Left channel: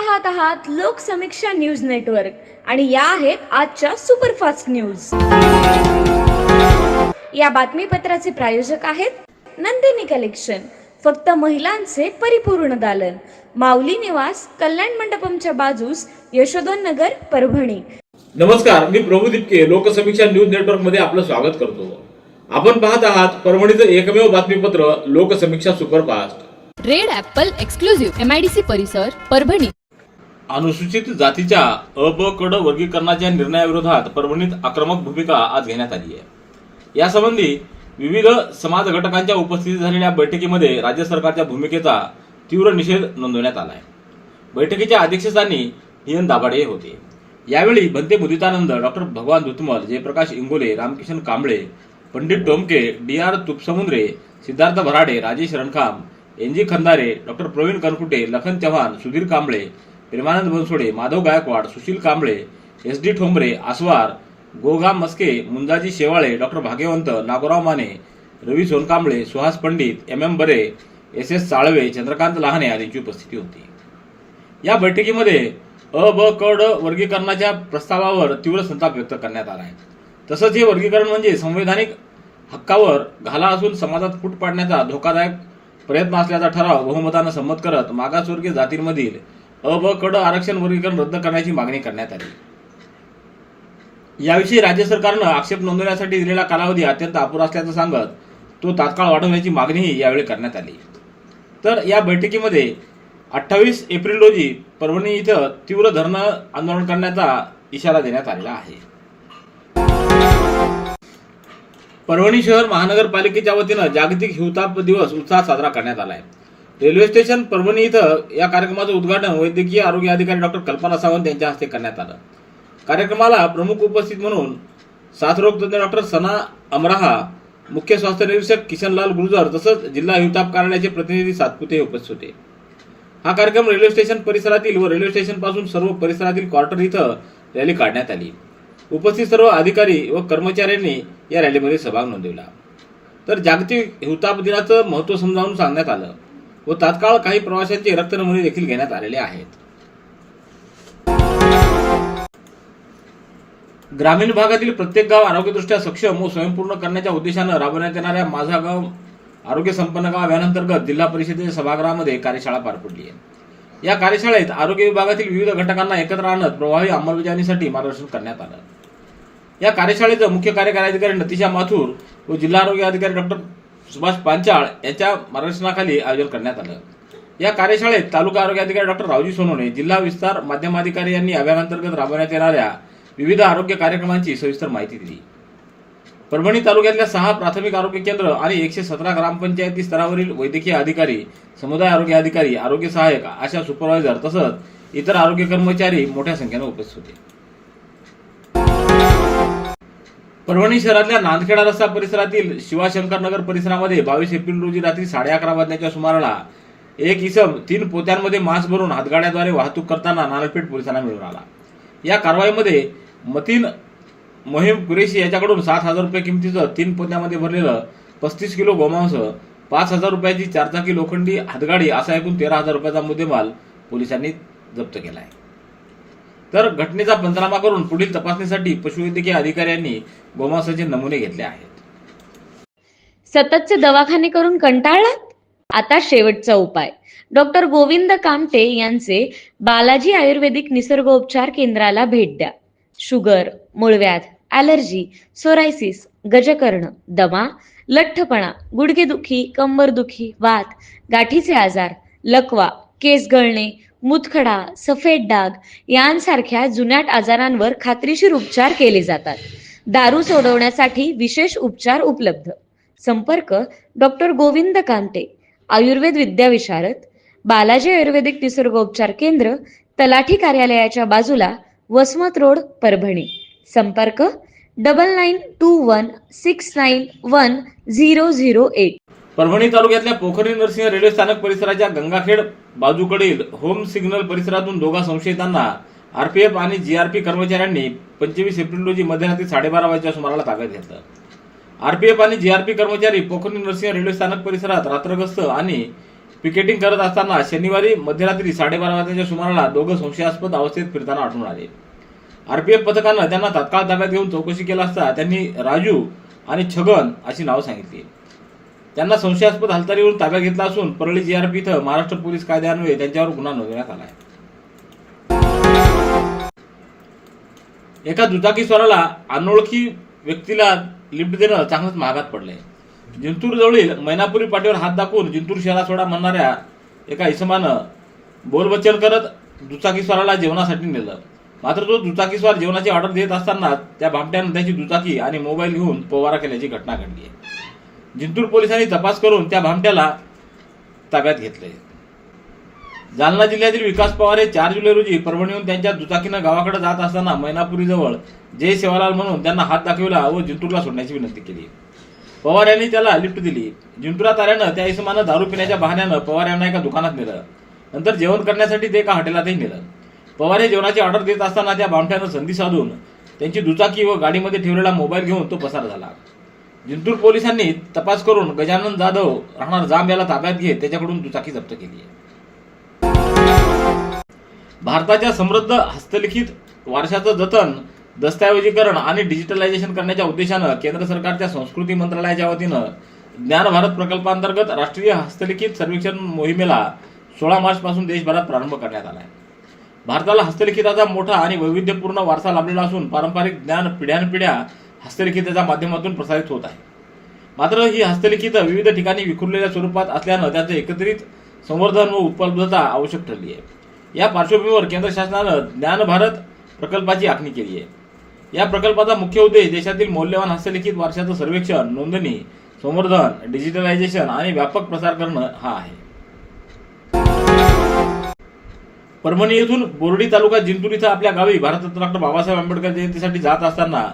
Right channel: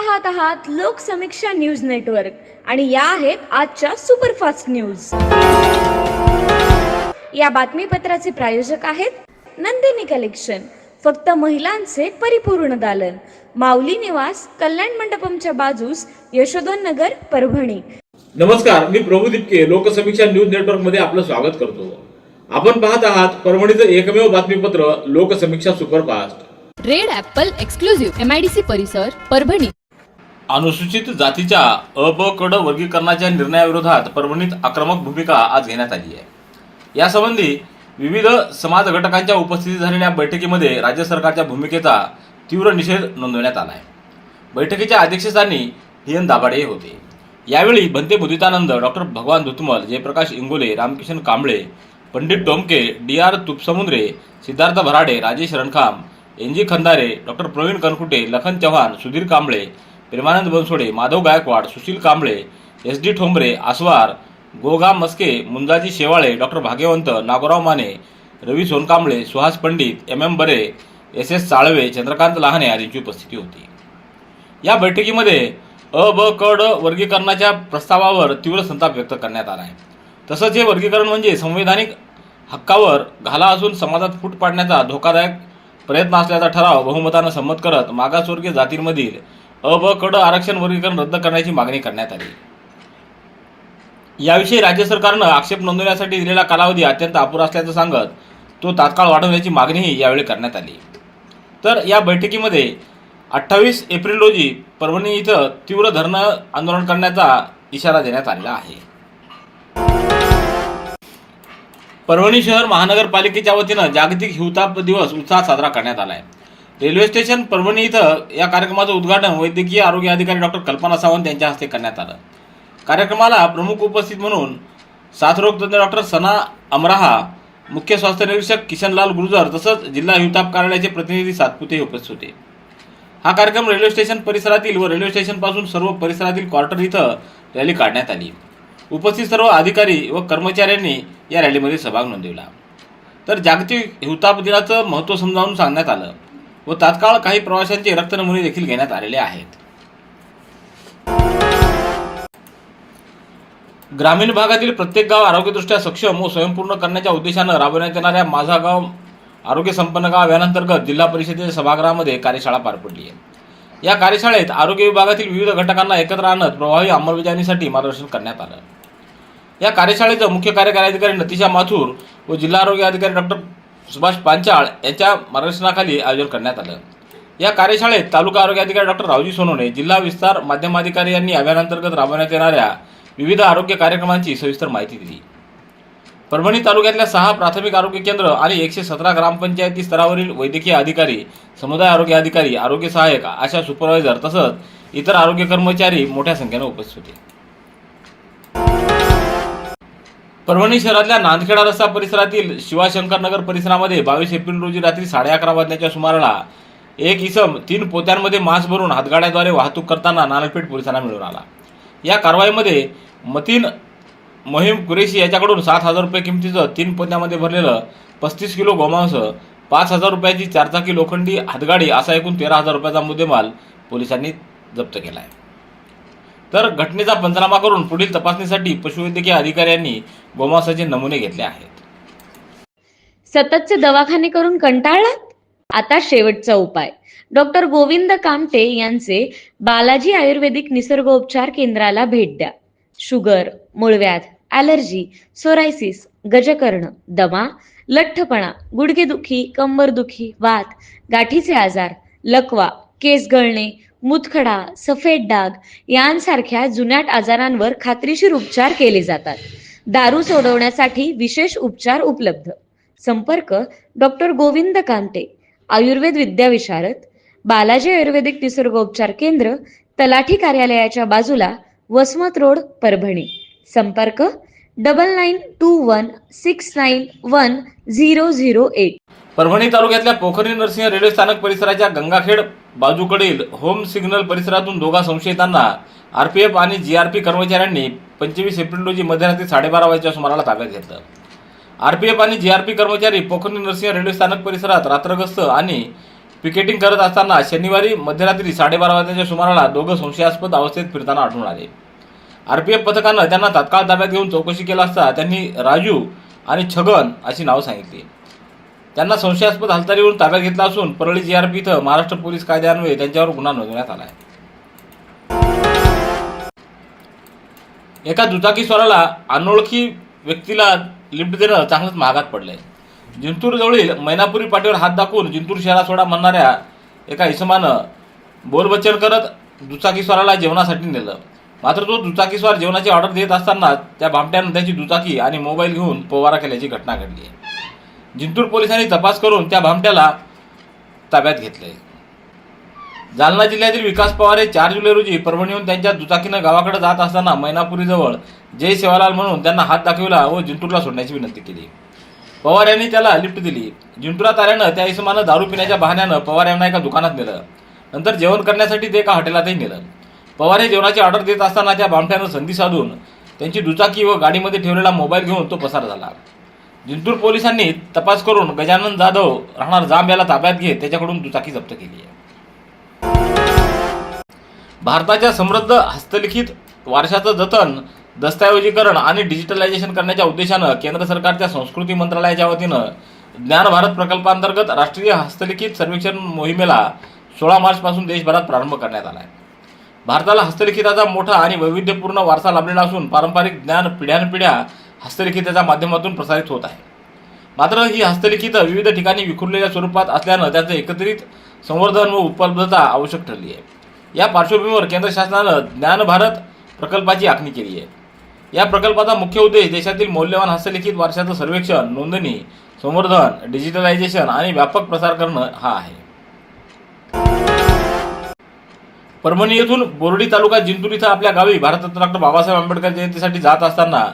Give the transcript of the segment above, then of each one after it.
पाहत आहात Loksamiksha news network आणि या आहेत आजच्या सुपरफास्ट न्यूज। या बातमीपत्राचे प्रायोजक आहेत नंदिनी कलेक्शन, फक्त महिलांचे परिपूर्ण दालन, माऊली निवास, कल्याण मंडपमच्या बाजूस, यशोधन नगर, परभणी। नमस्कार, मी प्रभू दिपके लोकसमीक्षा न्यूज नेटवर्क मध्ये आपलं स्वागत करतो। आपण पाहत आहात परभणीचं एकमेव बातमीपत्र Loksamiksha superfast. Red Apple exclusive MIDC परिसर परभणी। अनुसूचित जातीच्या अ ब क ड वर्गीकरणाच्या निर्णयाविरोधात परभणीत आक्रमक भूमिका आज घेण्यात आली आहे। यासंबंधी विविध समाज घटकांच्या उपस्थितीत झालेल्या बैठकीमध्ये राज्य सरकारच्या भूमिकेचा तीव्र निषेध नोंदवण्यात आला आहे। बैठकीच्या अध्यक्षस्थानी हियन दाभाडे होते। यावेळी Bhante Muditanand, doctor Bhagwan Dhutmal, Jayprakash Ingole, Ramkishan Kamble, Pandit Tomke, DR Tupsamudre, Siddharth Bharade, Rajesh Rankham, NG Khandare, doctor Pravin Kankute, Lakhan Chavan, Sudhir Kamble, Premanand Bansode, Madhav Gaikwad, Sushil Kamble, SD Thombare, Aswar, Goga Maske, Munjaji Shewale, doctor Bhagyawant, Nagorao Mane, Ravi Sonkamble, Suhas Pandit, MM Bare, SS Salve, Chandrakant Lahane आदींची उपस्थिती होती। या बैठकीमध्ये अ ब क ड वर्गीकरणाच्या प्रस्तावावर तीव्र संताप व्यक्त करण्यात आला आहे। तसंच हे वर्गीकरण म्हणजे संवैधानिक हक्कावर घाला असून समाजात फूट पाडण्याचा धोकादायक प्रयत्न असल्याचा ठराव बहुमतानं संमत करत मागासवर्गीय जातींमधील अ ब क ड आरक्षण वर्गीकरण रद्द करण्याची मागणी करण्यात आली। याविषयी राज्य सरकारनं आक्षेप नोंदवण्यासाठी दिलेला कालावधी अत्यंत अपुरा असल्याचं सांगत तो तात्काळ वाढवण्याची मागणीही यावेळी करण्यात आली। तर या बैठकीमध्ये 28 एप्रिल रोजी परभणी इथं तीव्र धरणं आंदोलन करण्याचा इशारा देण्यात आलेला आहे। परभणी शहर महानगरपालिकेच्या वतीनं जागतिक हिवताप दिवस उत्साहात साजरा करण्यात आला आहे। रेल्वे स्टेशन परभणी इथं या कार्यक्रमाचं उद्घाटन वैद्यकीय आरोग्य अधिकारी डॉक्टर कल्पना सावंत यांच्या हस्ते करण्यात आलं। कार्यक्रमाला प्रमुख उपस्थित म्हणून साथरोग तज्ञ डॉक्टर सना अमराहा, मुख्य स्वास्थ्य निरीक्षक किशनलाल गुर्जर तसंच जिल्हा हिवताप कार्यालयाचे प्रतिनिधी सातपुते उपस्थित होते। हा कार्यक्रम रेल्वे स्टेशन परिसरातील व रेल्वे स्टेशन पासून सर्व परिसरातील क्वार्टर इथं रॅली काढण्यात आली। उपस्थित सर्व अधिकारी व कर्मचाऱ्यांनी या रॅलीमध्ये सहभाग नोंदवला। तर जागतिक हिवताप दिनाचं महत्त्व समजावून सांगण्यात आलं व तात्काळ काही प्रवाशांचे रक्त नमुने देखील घेण्यात आलेले आहेत। ग्रामीण भागातील प्रत्येक गाव आरोग्यदृष्ट्या सक्षम व स्वयंपूर्ण करण्याच्या उद्देशानं राबवण्यात येणाऱ्या माझा गाव आरोग्य संपन्न गाव अभियानांतर्गत जिल्हा परिषदेच्या सभागृहामध्ये कार्यशाळा पार पडली आहे। या कार्यशाळेत आरोग्य विभागातील विविध घटकांना एकत्र आणत प्रभावी अंमलबजावणीसाठी मार्गदर्शन करण्यात आलं। या कार्यशाळेचं मुख्य कार्यकारी अधिकारी नतिशा माथुर व जिल्हा आरोग्य अधिकारी डॉक्टर सुभाष पांचाळ यांच्या मार्गदर्शनाखाली आयोजन करण्यात आलं। या कार्यशाळेत तालुका आरोग्य अधिकारी डॉक्टर रावजी सोनवणे, जिल्हा विस्तार माध्यमाधिकारी यांनी अभियानांतर्गत राबवण्यात येणाऱ्या विविध आरोग्य कार्यक्रमांची सविस्तर माहिती दिली। परभणी तालुक्यातल्या 6 प्राथमिक आरोग्य केंद्र आणि 117 ग्रामपंचायती स्तरावरील वैद्यकीय अधिकारी, समुदाय आरोग्य अधिकारी, आरोग्य सहाय्यक, आशा सुपरवायझर तसंच इतर आरोग्य कर्मचारी मोठ्या संख्येने उपस्थित होते। परभणी शहरातल्या नांदखेडा रस्ता परिसरातील शिवाशंकर नगर परिसरामध्ये 22 एप्रिल रोजी रात्री 11:30 वाजण्याच्या सुमाराला एक इसम 3 पोत्यांमध्ये मांस भरून हातगाड्याद्वारे वाहतूक करताना नानलपेठ पोलिसांना मिळून आला। या कारवाईमध्ये मतीन मोहीम कुरेशी याच्याकडून 7,000 रुपये किमतीचं 3 पोत्यामध्ये भरलेलं 35 किलो गोमांस, 5,000 रुपयाची 4 चाकी लोखंडी हातगाडी असा एकूण 13,000 रुपयाचा मुद्देमाल पोलिसांनी जप्त केला आहे। तर घटनेचा पंचनामा करून पुढील तपासणीसाठी पशुवैद्यकीय अधिकाऱ्यांनी गोमांसाचे नमुने घेतले आहेत। सततचे दवाखाने करून कंटाळलात? आता शेवटचा उपाय। डॉक्टर गोविंद कामटे यांचे बालाजी आयुर्वेदिक निसर्गोपचार केंद्राला भेट द्या। शुगर, मूळव्याध, ॲलर्जी, सोरायसिस, गजकर्ण, दमा, लठ्ठपणा, गुडघेदुखी, कंबरदुखी, वात, गाठीचे आजार, लकवा, केस गळणे, मुतखडा, सफेद डाग यांसारख्या जुनाट आजारांवर खात्रीशीर उपचार केले जातात। दारू सोडवण्यासाठी विशेष उपचार उपलब्ध। संपर्क डॉक्टर गोविंद कामटे, आयुर्वेद विद्याविशारद, बालाजी आयुर्वेदिक निसर्गोपचार केंद्र, तलाठी कार्यालयाच्या बाजूला, वसमत रोड, परभणी। संपर्क 9921691008। परभणी तालुक्यातल्या पोखरी नरसिंह रेल्वे स्थानक परिसराच्या गंगाखेड बाजूकडील होम सिग्नल परिसरातून दोघा संशयितांना RPF आणि GRP कर्मचाऱ्यांनी 25 एप्रिल रोजी मध्यरात्री 12:30 वाजच्या सुमाराला ताब्यात घेतलं। RPF आणि GRP कर्मचारी पोखरी नरसिंह रेल्वे स्थानक परिसरात रात्रगस्त आणि पिकेटिंग करत असताना शनिवारी मध्यरात्री 12:30 वाजण्याच्या सुमाराला दोघं संशयास्पद अवस्थेत फिरताना आढळून आले. आरपीएफ पथकानं त्यांना तात्काळ ताब्यात घेऊन चौकशी केला असता त्यांनी राजू आणि छगन अशी नावं सांगितली. त्यांना संशयास्पद हालचालीवरून ताब्यात घेतला असून परळी जीआरपी इथं महाराष्ट्र पोलीस कायद्यान्वये त्यांच्यावर गुन्हा नोंदवण्यात आला आहे. एका दुचाकीस्वाराला अनोळखी व्यक्तीला लिफ्ट देणं चांगलंच महागात पडलंय. जिंतूर जवळील मैनापुरी पाटीवर हात दाखवून जिंतूर शहरात सोडा म्हणणाऱ्या एका इसमानं बोलबच्चन करत दुचाकीस्वाराला जेवणासाठी नेलं. मात्र तो दुचाकीस्वार जेवणाची ऑर्डर देत असताना त्या भामट्यानं त्याची दुचाकी आणि मोबाईल घेऊन पोवारा केल्याची घटना घडली आहे. जिंतूर पोलिसांनी तपास करून त्या भामट्याला ताब्यात घेतले. जालना जिल्ह्यातील विकास पवार हे 4 जुलै रोजी परभणीहून त्यांच्या दुचाकीनं गावाकडे जात असताना मैनापुरीजवळ जय सेवालाल म्हणून त्यांना हात दाखविला व जिंतूरला सोडण्याची विनंती केली. पवार यांनी त्याला लिफ्ट दिली. जिंतुरात आल्यानं त्या इसमानं दारू पिण्याच्या बहाण्यानं पवार यांना एका दुकानात नेलं. नंतर जेवण करण्यासाठी ते एका हॉटेलातही नेलं. पवार हे जेवणाची ऑर्डर देत असताना त्या भामट्यानं संधी साधून त्यांची दुचाकी व गाडीमध्ये ठेवलेला मोबाईल घेऊन तो पसार झाला. जिंतूर पोलिसांनी तपास करून गजानन जाधव राहणार जांब याला ताब्यात घेत त्याच्याकडून दुचाकी जप्त केली आहे. भारताच्या समृद्ध हस्तलिखित वारशाचं जतन, दस्तऐवजीकरण आणि डिजिटलायझेशन करण्याच्या उद्देशानं केंद्र सरकारच्या संस्कृती मंत्रालयाच्या वतीनं ज्ञान भारत प्रकल्पांतर्गत राष्ट्रीय हस्तलिखित सर्वेक्षण मोहिमेला 16 मार्चपासून देशभरात प्रारंभ करण्यात आला आहे. भारताला हस्तलिखिताचा मोठा आणि वैविध्यपूर्ण वारसा लाभलेला असून पारंपरिक ज्ञान पिढ्यानपिढ्या हस्तलिखिताच्या माध्यमातून प्रसारित होत आहे. मात्र ही हस्तलिखित विविध ठिकाणी विखुरलेल्या स्वरूपात असल्यानं त्याचं एकत्रित संवर्धन व उपलब्धता आवश्यक ठरली आहे. या पार्श्वभूमीवर केंद्र शासनानं ज्ञान भारत प्रकल्पाची आखणी केली आहे. या प्रकल्पाचा मुख्य उद्देश देशातील मौल्यवान हस्तलिखित वारशाचं सर्वेक्षण, नोंदणी, संवर्धन, डिजिटलायझेशन आणि व्यापक प्रसार करणं हा आहे. परभणी येथून बोर्डी तालुका जिंतूर इथं आपल्या गावी भारतरत्न डॉ. बाबासाहेब आंबेडकर जयंतीसाठी जात असताना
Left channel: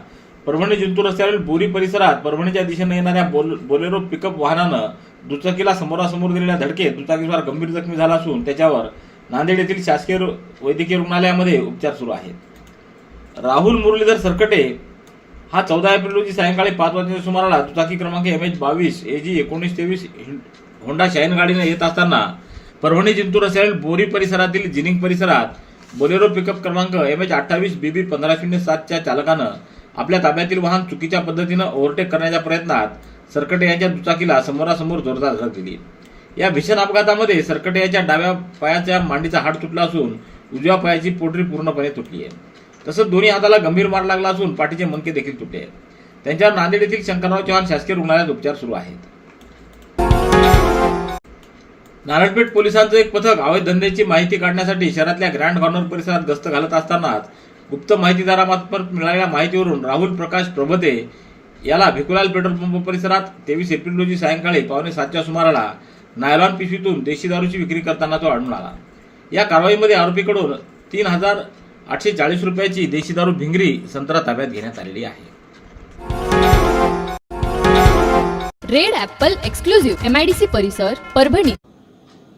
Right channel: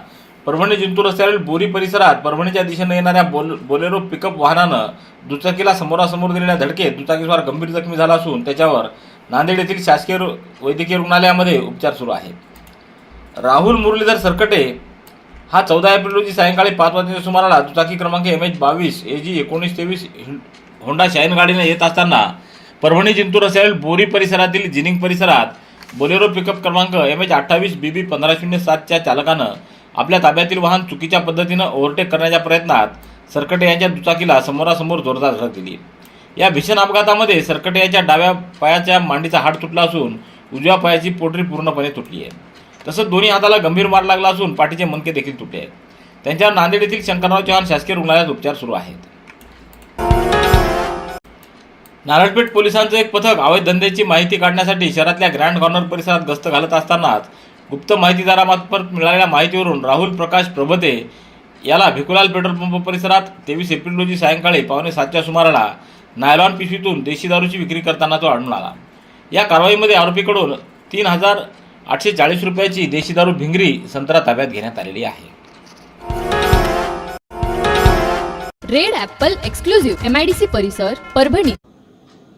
परभणी जिंतूर रस्त्यावरील बोरी परिसरात परभणीच्या दिशेने येणाऱ्या बोलेरो पिकअप वाहनानं दुचाकीला समोरासमोर दिलेल्या धडकेत दुचाकीस्वार गंभीर जखमी झाला असून त्याच्यावर नांदेड येथील शासकीय वैद्यकीय रुग्णालयामध्ये उपचार सुरू आहेत. राहुल मुरलीधर सरकटे हा 14 एप्रिल रोजी सायंकाळी 5 वाजण्याच्या सुमाराला दुचाकी क्रमांक MH22 AG 1923 होंडा शाईन गाडीने येत असताना परभणी जिंतूर रस्त्यावरील बोरी परिसरातील जिनिंग परिसरात बोलेरो पिकअप क्रमांक MH28 BB 1507 च्या चालकानं आपल्या ताब्यातील वाहन चुकीच्या पद्धतीनं ओव्हरटेक करण्याच्या प्रयत्नात सरकटे यांच्या दुचाकीला समोरासमोर जोरदार धडक दिली. या भीषण अपघातामध्ये सरकटे यांच्या डाव्या पायाच्या मांडीचा हाड तुटला असून उजव्या पायाची पोटरी पूर्णपणे तुटली आहे. तसंच दोन्ही हाताला गंभीर मार लागला असून पाठीचे मणके देखील तुटले आहेत. त्यांच्यावर नांदेड येथील शंकरराव चव्हाण शासकीय रुग्णालयात उपचार सुरू आहेत. नारळपेठ पोलिसांचं एक पथक अवैध धंद्याची माहिती काढण्यासाठी शहरातल्या ग्रँड कॉर्नर परिसरात गस्त घालत असतानाच गुप्त माहितीदारामार्फत मिळालेल्या माहितीवरून राहुल प्रकाश प्रभते याला भिकुलाल पेट्रोल पंप परिसरात 23 एप्रिल रोजी सायंकाळी 6:45च्या सुमाराला नायलॉन पिशवीतून देशी दारूची विक्री करताना तो आढळून आला. या कारवाईमध्ये आरोपीकडून 3,840 रुपयाची देशी दारू भिंगरी संत्रा ताब्यात घेण्यात आलेली आहे. रेड ॲपल एक्सक्लुझिव्ह MIDC परिसर परभणी.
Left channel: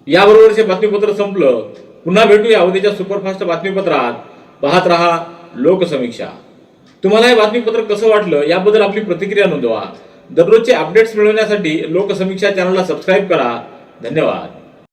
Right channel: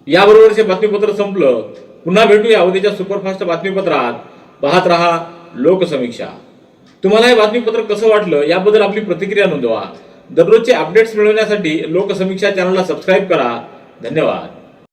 याबरोबरचे बातमीपत्र संपलं. पुन्हा भेटूया उद्याच्या सुपरफास्ट बातमीपत्रात. पाहत रहा लोकसमीक्षा. तुम्हाला हे बातमीपत्र कसं वाटलं याबद्दल आपली प्रतिक्रिया नोंदवा. दररोजचे अपडेट्स मिळवण्यासाठी लोकसमीक्षा चॅनलला सबस्क्राईब करा. धन्यवाद.